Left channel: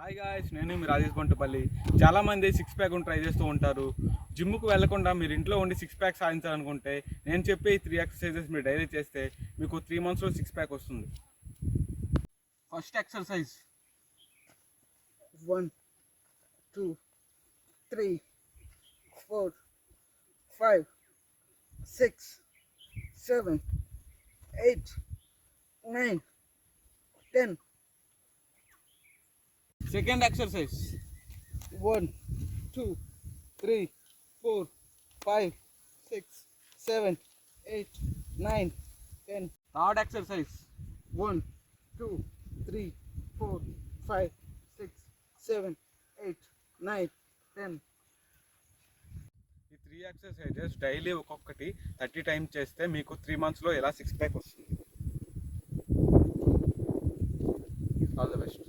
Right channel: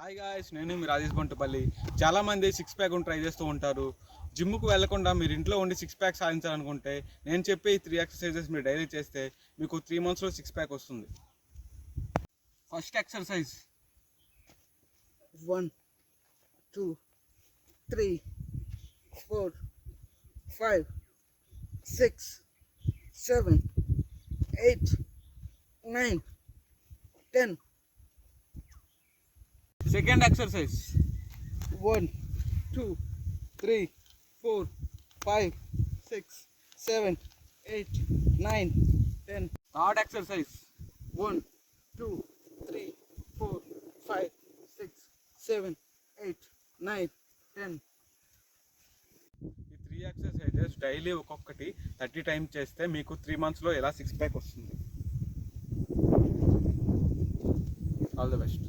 Hi guys, నేను మీ రాజేష్ బంటుపల్లి. చాలామంది six pack try చేస్తూ ఉంటారు. జిమ్కి వెళ్లకుండా మీరు ఇంట్లో ఉండి సిక్స్ ప్యాక్ సాధించాలనుకుంటే నేను చెప్పే ఈ 3 ఎక్సర్సైజెస్ మీరు డైలీ చేస్తే మీకు 3 మంత్స్లో సిక్స్ ప్యాక్ వస్తుంది. First exercise 1 2 3 4 5 6 7 8 9 10. Second exercise 1 2 3 4 5 6 7 8 9 10. Third exercise 1 2 3 4 5 6 7 8 9 10. ఈ 3 ఎక్సర్సైజెస్ డైలీ ఒక్కొక్కటి 30 టైమ్స్ చేస్తే మీకు 3 మంత్స్లో ఎలా సిక్స్ ప్యాక్ వస్తుంది. All the best.